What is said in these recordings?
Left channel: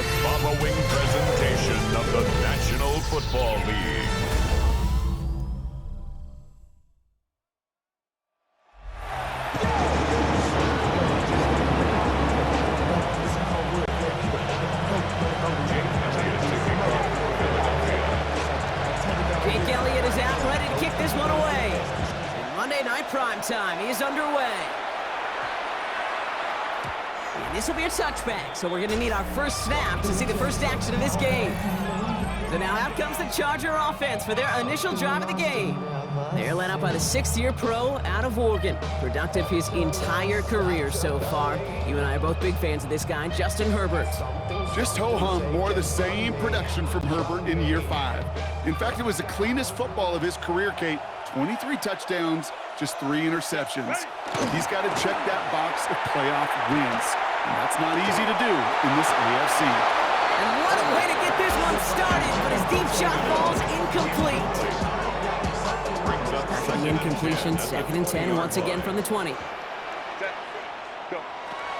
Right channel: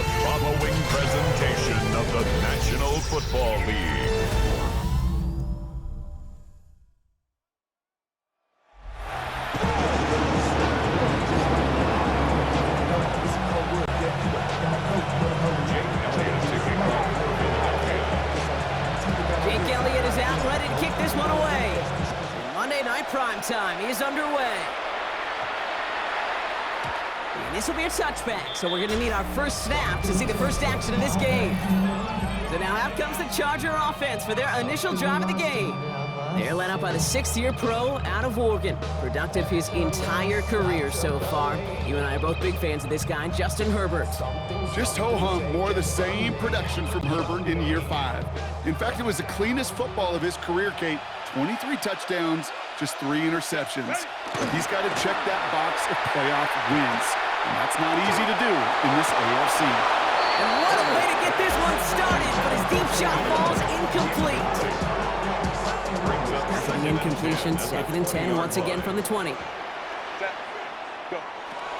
the following presentation of the National Football League. Jake Elliott is out, ready to kick this one away. And Monday Night Primetime is underway. And this will be a touchback, so we're going to need our first snap to see the first action of this game. So now out comes the Charger offense for their initial drive of the game. They're led up by the 6th-year pro out of Oregon. Productive his entire career so far. You and I are both big fans of this guy, Justin Herbert. Just ho-hum, more of the same production from Herbert in year 5. In fact, it was the cleanest football of his career, Kate. 23 touchdowns, just 3 interceptions. He's got to check that box of playoff wins, and that's not easy to do in this AFC. And what a way to get this one started, but his deep shot falls incomplete. After the incompletion, 2nd and 10 once again from the 20.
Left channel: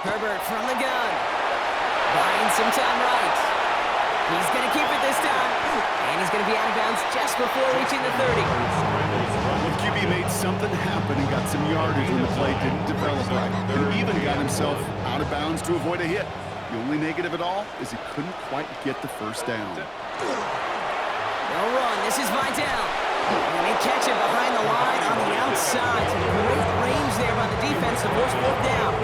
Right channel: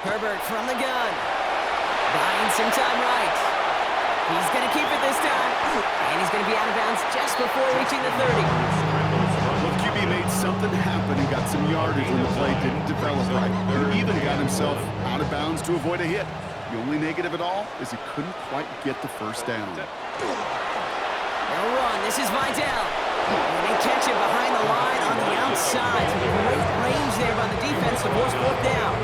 Herbert from the gun. Buying some time right. He's going to keep it this time. And he's going to be out of bounds just before reaching the 30. Well, QB made something happen and got some yardage when the play didn't develop right. And even got himself out of bounds to avoid a hit. The only negative at all is he couldn't quite get the first down. They'll run. This is Vidal. And they catch it behind the line on the outside. Some great range there by the defense to force 4th down.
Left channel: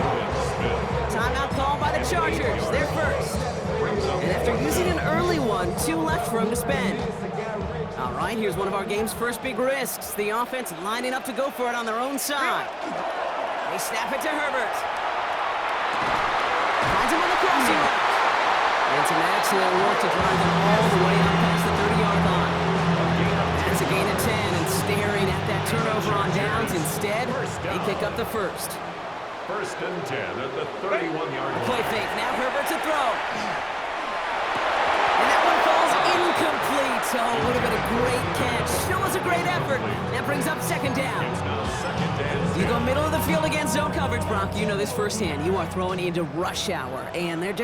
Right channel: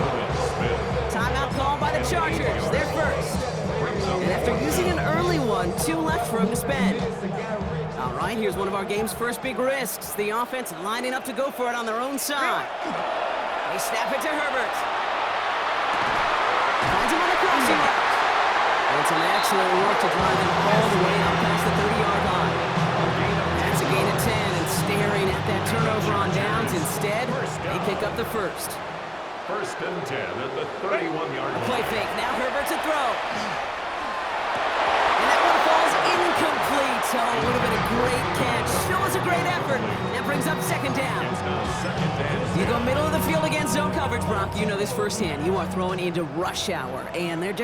Timeout called by the Chargers. They're first. And after using an early one, 2 left for him to spend. All right, here's one of our game's first big risks. The offense lining up to go for it on their own side. They snap it to Herbert. Finds him on the crossing route. And some excellent work to drive them all the way up past the 30-yard line. That's a gain of 10, and staring at that turnover on downs. Instead, they pick up the first. 1st and 10 at the 31-yard line. Play fake. Now Herbert to throw. And that one falls incomplete. So it would have been a great catch. Still was a great effort. That brings up 2nd down. It's now 2nd and 10. You go middle of the field against zone coverage, Brock. You know this firsthand. You are throwing into rush hour. And there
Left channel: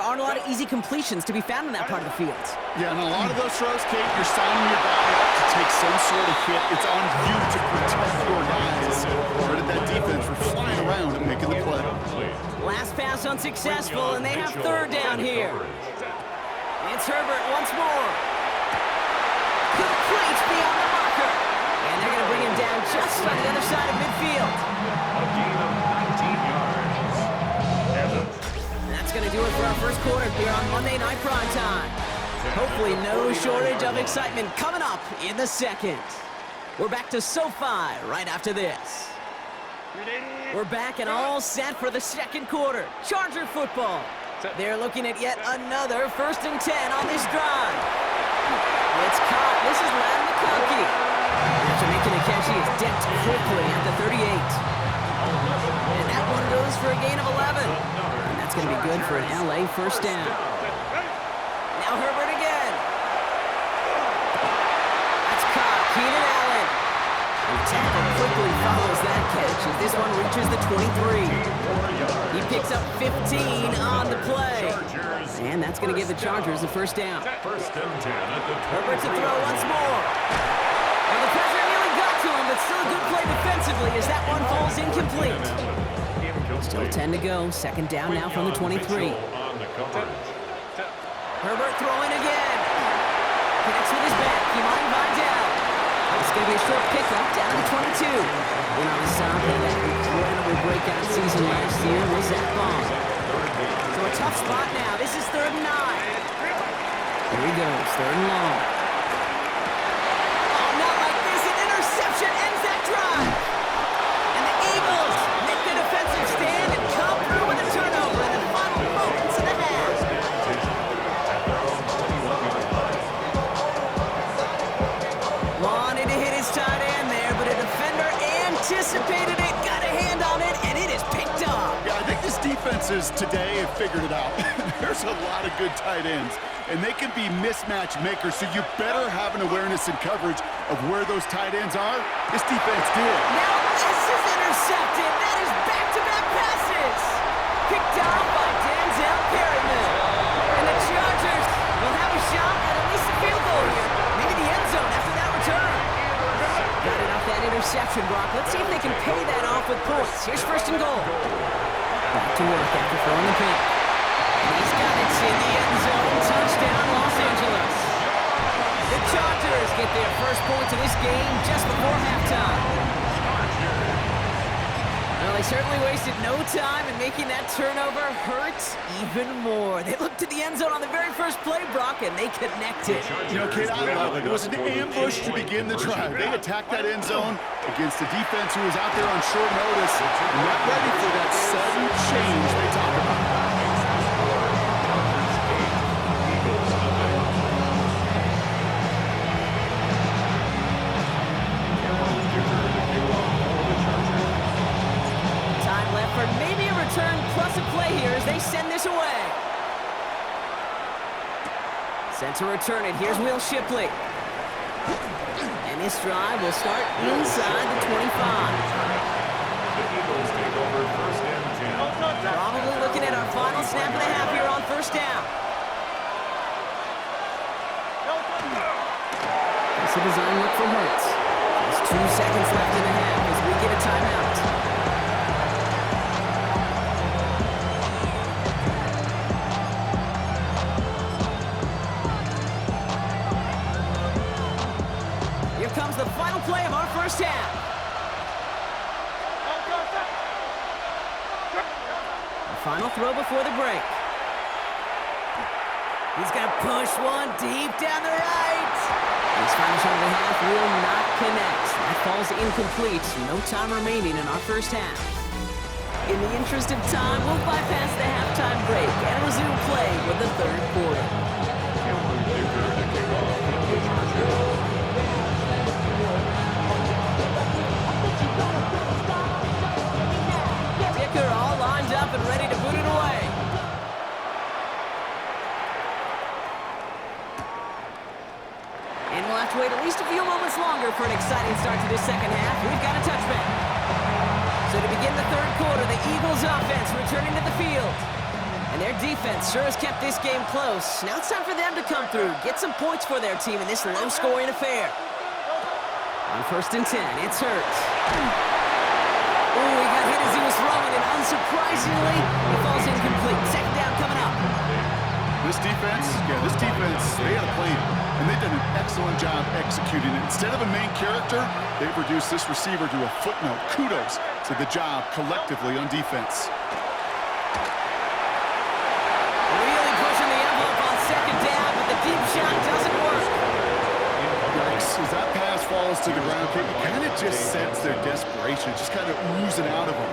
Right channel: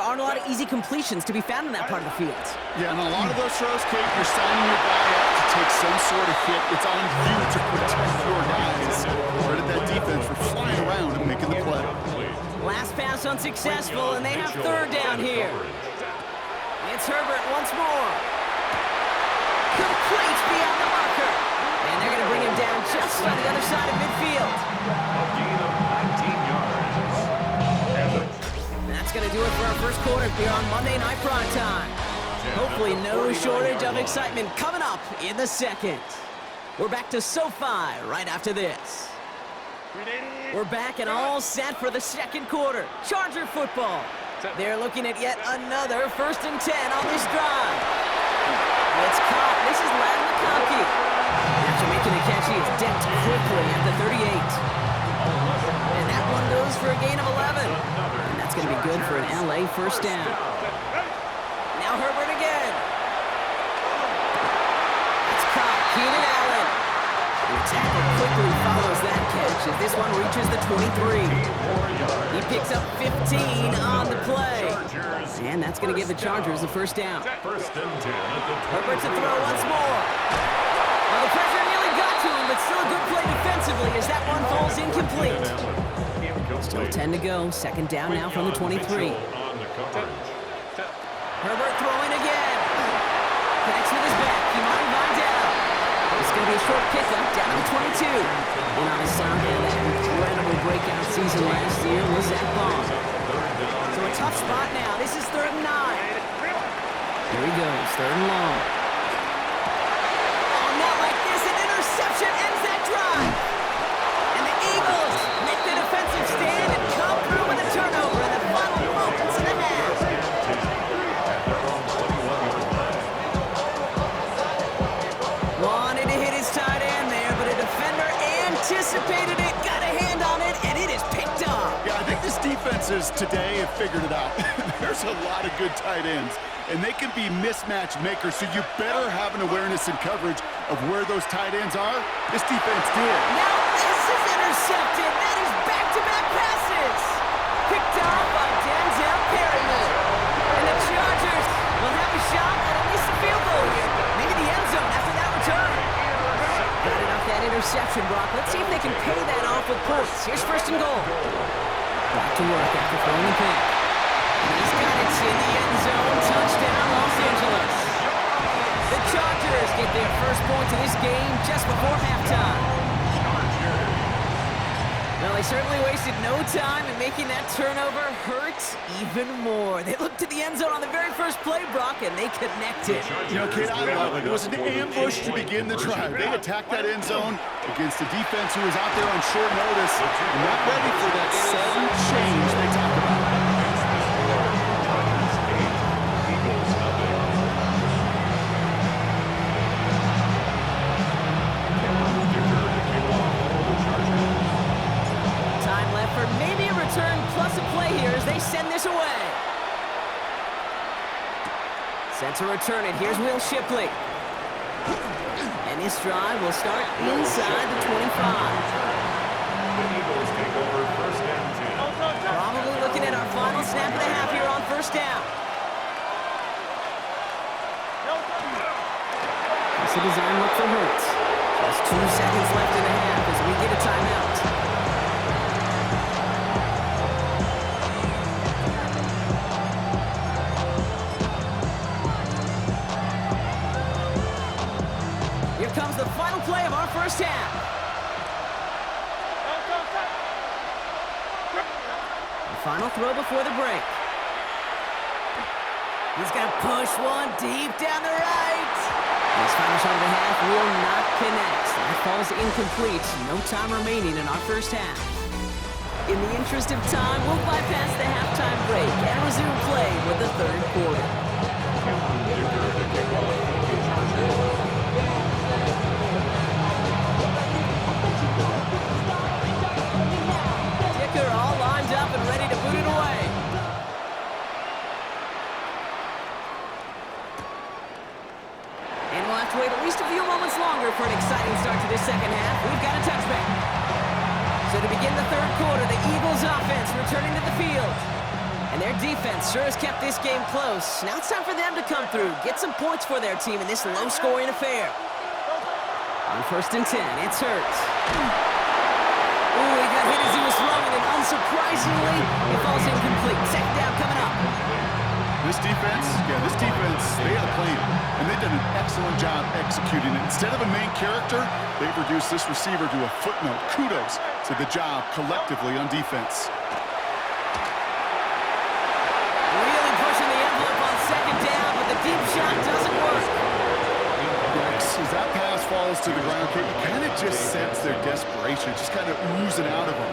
aren't a lot of easy completions to be found in that part of the field. Yeah, and a lot of those throws, Kate, you're signing your guy up to take some sort of hit. It's on you to protect your guys. Credit that defense for flying around and making the play. Last pass unsuccessful, and they have 3rd down here. It's Herbert once more. Complete beyond the marker. And they're going to bring him down just on the other side of midfield. A gain of 19 yards. That's going to do it for our first quarter here on Monday Night Primetime. Hopefully no shortage of excitement coming up in the 2nd. We're back to SoFi right after this. We're back and all set for the 2nd quarter. Charger football. They're looking at yet another 1st and 10 on this drive. It's caught. This is Ladd McConkey. After making the catch, he is decked quickly at the 38. And that one goes for a gain of 11. And that's going to be good for an LA first down. Now Herbert again. That's caught. Keenan Allen. And the tackle quickly follows that catch as this one reaches the 23. He picks up 15 on the play. And that's going to give the Chargers the first down. 1st and 10 at the 23. Herbert to throw once more. Well, the pressure nearly got to him, but still a good play defensively as that one falls incomplete. Still 10 to go. 2nd down now from the 23. Herbert throwing again. Connects with his back. Kimani Vidal. It's going to be a short pickup down to the 22. And on the side of that incredible breakout season last year was Zach Bond. So a tough spot now. This is 3rd and 9. Here he goes, 3rd and long. Oh, not like this. An interception ends that drive. And the Eagles make the defensive stand and come through with a turnover in the final moments of the half. Wanted to hit his tight end there, but a defender anticipated it, got a hand on it, and it is picked up. Yeah, I think this defenses today have figured it out. There's a lot of good tight ends, and they can be mismatch makers, so you better have an awareness and coverage of where those tight ends are. This defense did. Now this is intercepted. That is back-to-back passes. Picked off by Denzel Perryman. And the reception, Brock. Let's see if they can pay that off with points. Here's first and goal. Back to work after throwing the pick. And he's got it in the end zone. Touchdown, Los Angeles. The Chargers get their first points of this game just before halftime. Well, they certainly wasted no time in making that turnover hurt even more. They looked to the end zone on the very first play, Brock, and they connected. You know, kid, I love it. It was an ambush to begin the drive. They attacked that end zone against a defense who was out there on short notice and not ready for that sudden change they talk about. For maybe a return plus a play here as they send this away. Set to return it. Here's Will Shipley. And this drive will start inside the 25. The Eagles take over first and 10. Probably looking at our final snap of the half here on first down. It's a design look for Hurts. Just 2 seconds left in the half as we get a timeout. Here comes the final play of our first half. The final throw before the break. He's going to push one deep down the right. His final shot of the half will not connect. That falls incomplete. No time remaining in our first half. In the interest of time, we'll bypass the halftime break and resume play with the third quarter. Dicker to kick off the Chargers. Dicker all lined up and ready to boot it away. And we'll have to wait at least a few moments longer for an exciting start to this second half. We've got a touchback. So to begin the third quarter, the Eagles offense returning to the field. And their defense sure has kept this game close. Now it's time for them to come through, get some points for their team in this low-scoring affair. On first and 10, it's Hurts. Ooh, he got hit as he was throwing, and unsurprisingly, it falls incomplete. Second down coming up. This defense, they had a plan, and they've done an excellent job executing it. Instead of a main character, they've reduced this receiver to a footnote. Kudos to the job collectively on defense. Really pushing the envelope on second down, but the deep shot doesn't work. As that pass falls to the ground, Kate, you kind of just sense their desperation, just kind of oozing out of them.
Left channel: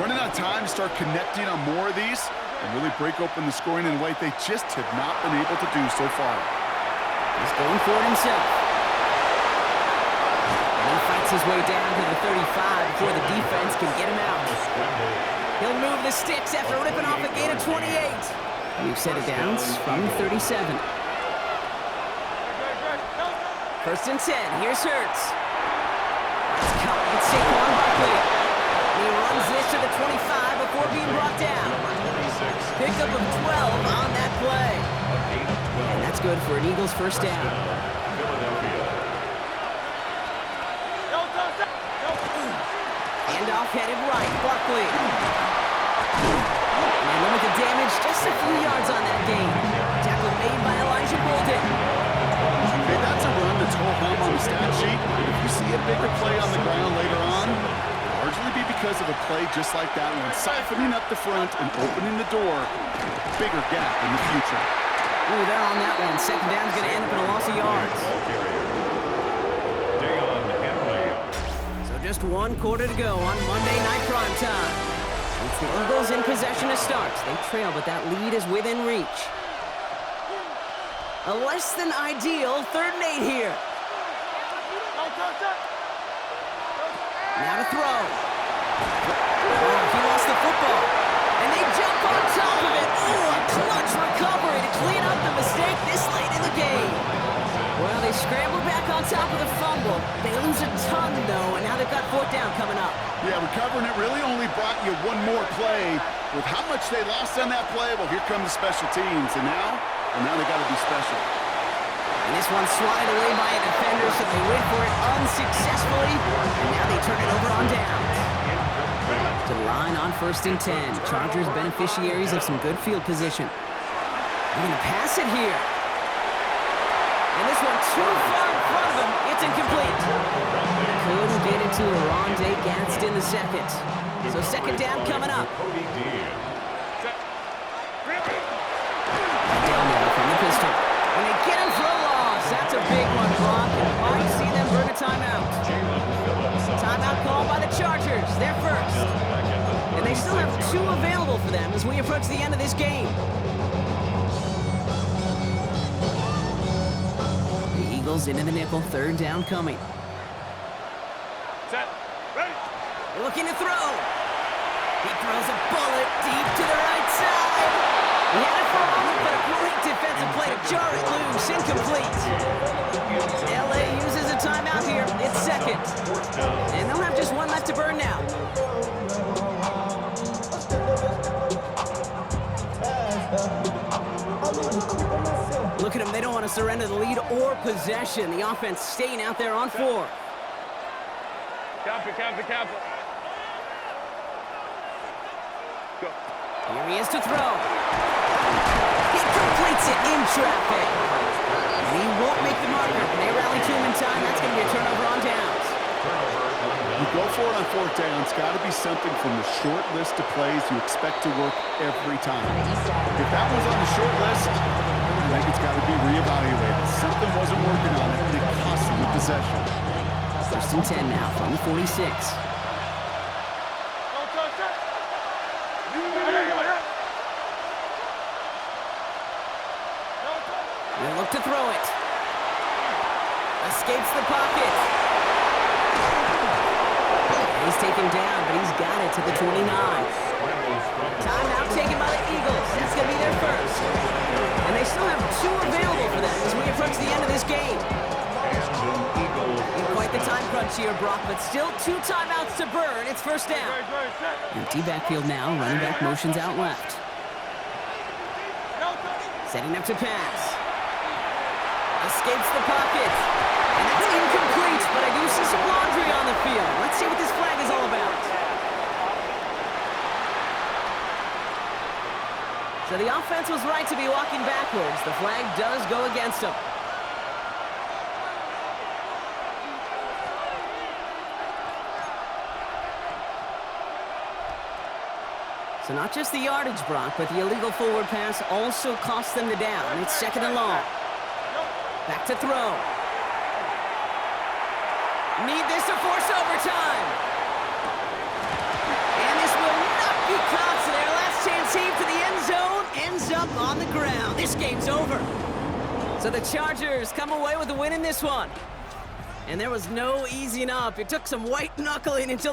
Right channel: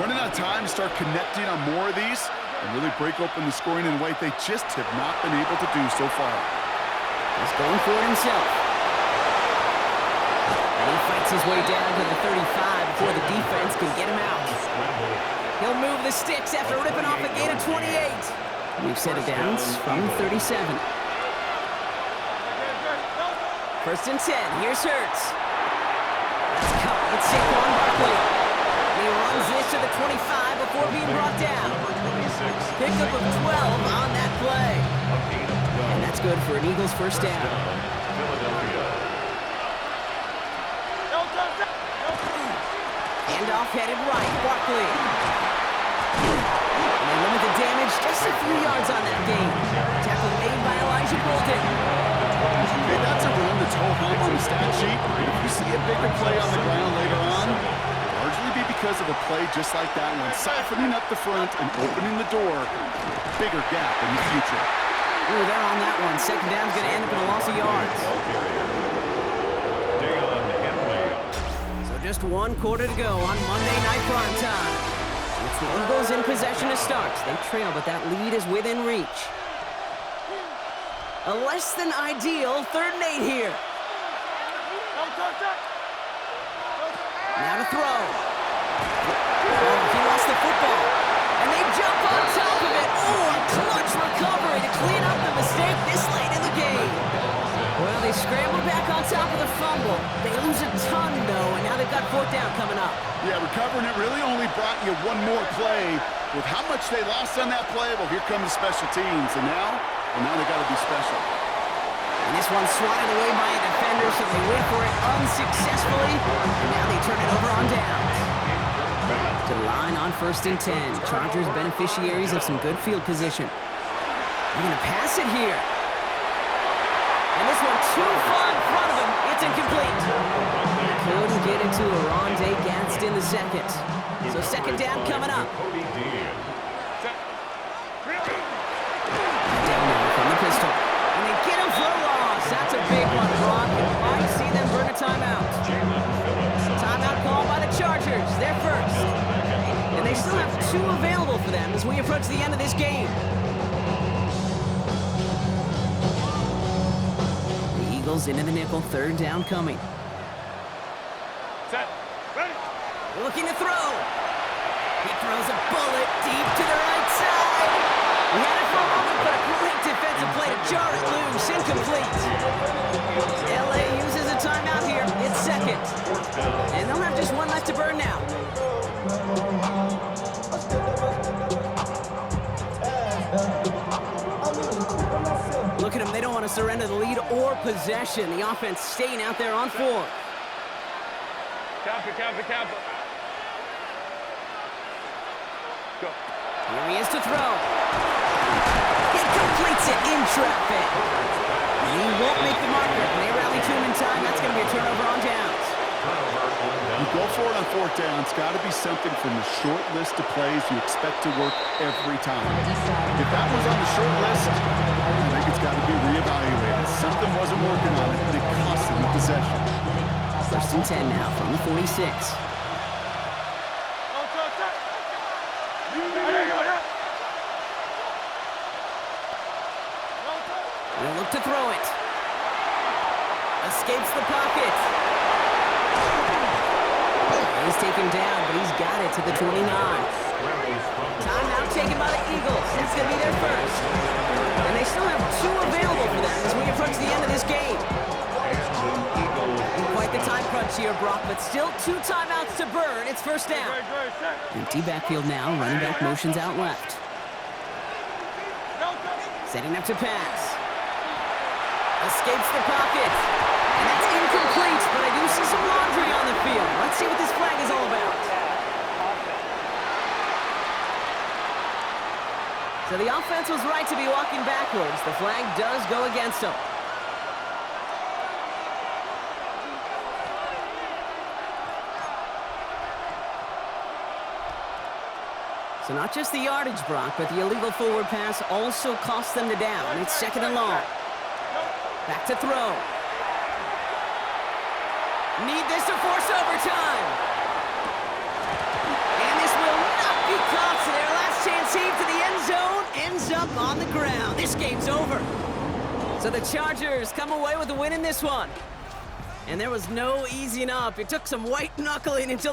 Running out of time to start connecting on more of these and really break open the scoring in a way they just have not been able to do so far. He's going for it himself. And he fights his way down to the 35 before the defense can get him out. He'll move the sticks after ripping off a gain of 28. We've set it down from 37. First and 10, here's Hurts. That's caught, it's Saquon Barkley. And he runs this to the 25 before being brought down. Pickup of 12 on that play. And that's good for an Eagles first down. Philadelphia. Handoff headed right, Barkley. And they limit the damage, just a few yards on that gain. Tackle made by Elijah Bolden. Okay, that's a run that's ho-hum on the stat sheet. If you see a bigger play on the ground later on, it'll largely be because of a play just like that one, siphoning up the front and opening the door. Bigger gap in the future. Ooh, they're on that one. Second down's going to end up in a loss of yards. So just 1 quarter to go on Monday Night Primetime. It's the Eagles in possession to start. They trail, but that lead is within reach. A less than ideal 3rd and 8 here. Now to throw. Oh, he lost the football. And they jump on top of it. Oh, a clutch recovery to clean up the mistake this late in the game. Well, they scramble back on top of the fumble. They lose a ton, though, and now they've got 4th down coming up. Yeah, recovering it really only brought you one more play. With how much they lost on that play, well, here come the special teams. And now they got to be special. And this one swatted away by a defender, so they went for it unsuccessfully. And now they turn it over on downs. To the line on 1st and 10. Chargers beneficiaries of some good field position. They're going to pass it here. And this one too far in front of him. It's incomplete. Couldn't get it to Rondé Gadsden the second. So 2nd down coming up. Down now from the pistol. And they get him for a loss. That's a big one, Brock. And might see them burn a timeout. Timeout called by the Chargers. They're first. And they still have 2 available for them as we approach the end of this game. The Eagles into the nickel. 3rd down coming. Set. Ready. Looking to throw. He throws a bullet deep to the right side. He had it for a moment, but a great defensive play to jar it loose. Incomplete. LA uses a timeout here. It's 2nd. And they'll have just 1 left to burn now. Look at them. They don't want to surrender the lead or possession. The offense staying out there on 4. Cap it. Go. Here he is to throw. He completes it in traffic. And he won't make the marker. They rally to him in time. That's going to be a turnover on downs. You go for it on 4th down. It's got to be something from the short list of plays you expect to work every time. If that was on the short list, I think it's got to be reevaluated. Something wasn't working on it, and it cost them the possession. 1st and 10 now from the 46. He'll look to throw it. Escapes the pocket. He's taken down, but he's got it to the 29. Timeout taken by the Eagles. That's going to be their first. And they still have 2 available for them as we approach the end of this game. Quite the time crunch here, Brock, but still 2 timeouts to burn. It's 1st down. Empty backfield now. Running back motions out left. Setting up to pass. Escapes the pocket. And that's incomplete, but I do see some laundry on the field. Let's see what this flag is all about. So the offense was right to be walking backwards. The flag does go against them. So not just the yardage, Brock, but the illegal forward pass also cost them the down. It's 2nd and long. Back to throw. Need this to force overtime. And this will not be caught. So their last chance heave to the end zone ends up on the ground. This game's over. So the Chargers come away with the win in this one. And there was no easing up. It took some white knuckling until the